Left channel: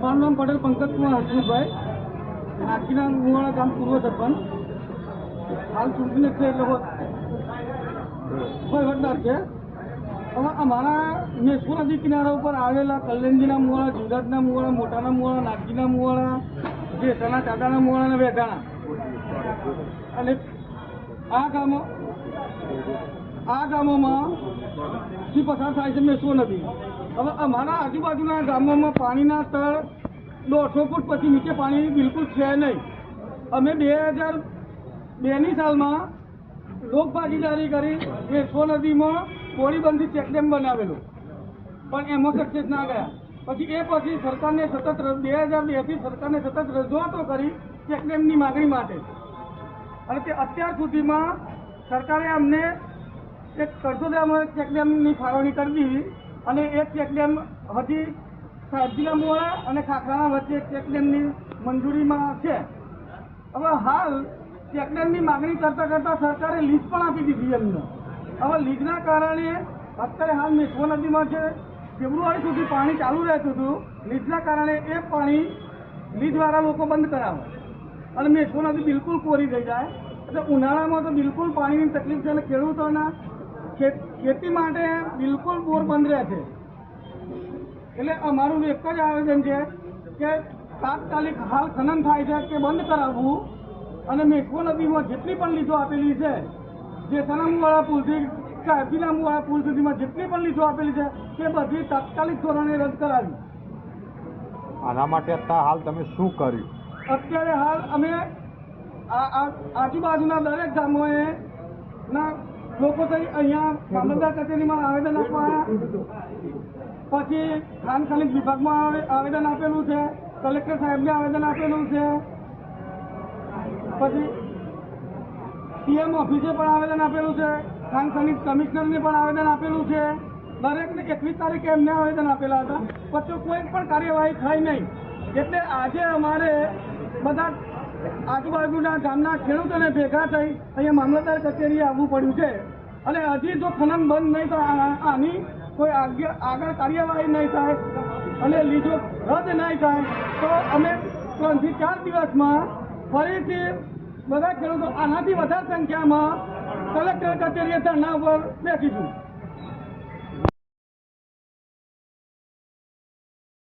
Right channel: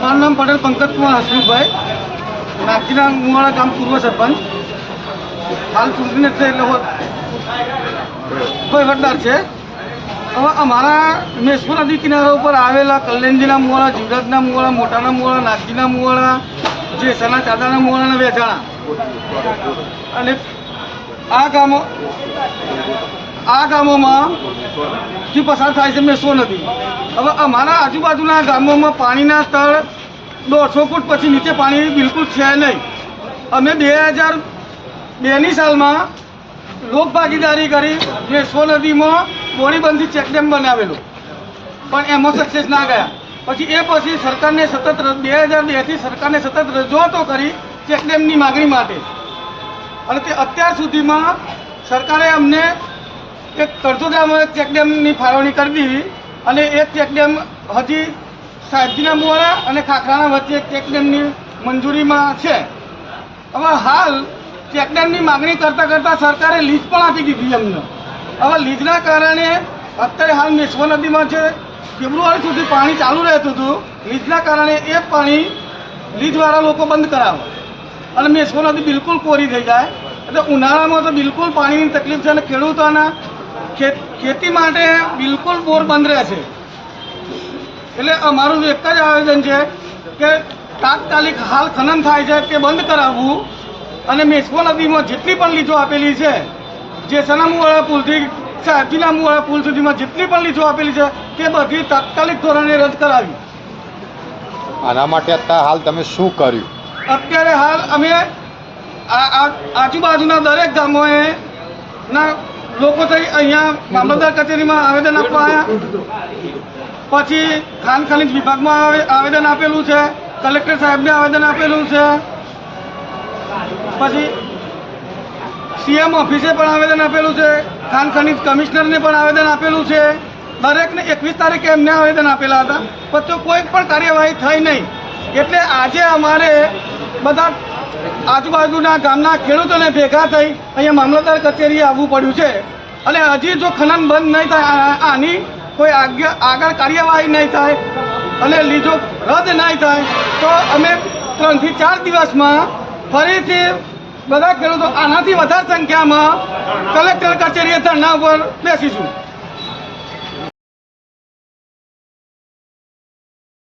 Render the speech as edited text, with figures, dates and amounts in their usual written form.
મારું નામ પટેલ પંકજ કુમાર હસમુખભાઈ, નાગજીના મુવાડા ગામ પૂર્વ સરપંચ. હાલ ચૂંટણી છે એટલે વહીવટદાર છે. હવે અમારા મેશ્વર નદી કિનારા ઉપર આવેલા કલ્યાણજીના મુવાડા, જીવરાજના મુવાડા, મોટાના મુવાડા, નાગજીના મુવાડા, જેસાના ચાદાના મુવાડા અને વેચાણા, અને આ ગામોમાં થી પસાર થાય છે મેશ્વર નદી. હવે અમારા આજુબાજુના ગામોમાં પાણીના તળ 150 ફૂટ પછી નીચે પાણી બિલકુલ છે નહીં. અમે 2002ની સાલમાં લોક ભાગીદારી કરી મેશ્વર નદીમાં બોરીબંધી ચેકડેમ બનાવેલો, પણ એમાં સક્સેસ ના ગયા. પછી સરકારને સતત 2002થી સરકારને સતત રજૂઆતો કરી ચેકડેમની માગણી માટે, અને તે અત્યાર સુધીમાં સરકારે અમને એક કરજોદરામાં એક ચેકડેમની ફાળવણી કરી દીધી, અને એક ચેકડેમ હજી સાહેબજીના મુવાડા અને ખાખરાના વચ્ચે એક ચેકડેમની મંજૂરીમાં છે. હવે હાલ ચેકડેમની માગણી કરતાં સરકારે લીઝ પણ આપી દીધી અમને. હવે લીઝના કારણે અત્યારે હાલ મેશ્વર નદીમાં છે ફેબ્રુઆરી સુધી પાણી ચાલુ રહેતું હતું. લીઝના કારણે એ પાણી લીઝવાળા લોકો બંધ કરાવે અને મેશ્વર નદી બિલકુલ કોરી થઈ જાય. એટલે ઉનાળામાં તો બિલકુલ પાણીની તકલીફ છે, અને ખેડૂતોના ખેતી માટે બિલકુલ બોર બંધ રહે છે. એટલે અમારું એક જ આયોજન છે કે તાત્કાલિક હાલ ખનન થાય છે તે બંધ કરાવવું, અને મેશ્વર નદીમાં જેટલી પણ લીઝો આપેલી છે, જેસાના મુવાડા પુલથી સાહેબજીના મુવાડા પુલ સુધીમાં જેટલી પણ લીઝો આપેલી છે તે બધી તાત્કાલિક ધોરણે રદ કરાવી. આના માટે અત્યારે હાલ તમે શું કર્યું? અત્યારે હાલ અમે આજુબાજુના દરેક ગામોએ ના લોકો થઈ અહીંયા મામલતદાર કચેરીમાં આવેદન આપવા આવ્યા. પછી ખાન ખનીજ વિભાગમાં આવેદન આપેલું છે, કલેક્ટર સાહેબને આવેદન આપેલું છે, પછી સીએમ ઓફિસે પણ આવેદન આપેલું છે, ખાન ખનીજ કમિશનરને પણ આવેદન આપેલું છે. દરેકને 21 તારીખે એમને આવેદન આપેલા હતા, પણ તો કોઈ પણ કાર્યવાહી થઈ નહીં. એટલે આજે અમારે બધા આજુબાજુના ગામના ખેડૂતોને ભેગા થઈ અહીંયા મામલતદાર કચેરીએ આવવું પડ્યું છે. અને હજી જો ખનન બંધ નહીં થાય, આની કોઈ આગળ કાર્યવાહી નહીં થાય અને લીઝો રદ નહીં થાય, તો અમે 3 થી 4 દિવસમાં ફરીથી બધા ખેડૂતો આનાથી વધારે સંખ્યામાં કલેક્ટર કચેરીએ ધરણા પર બેસીશું.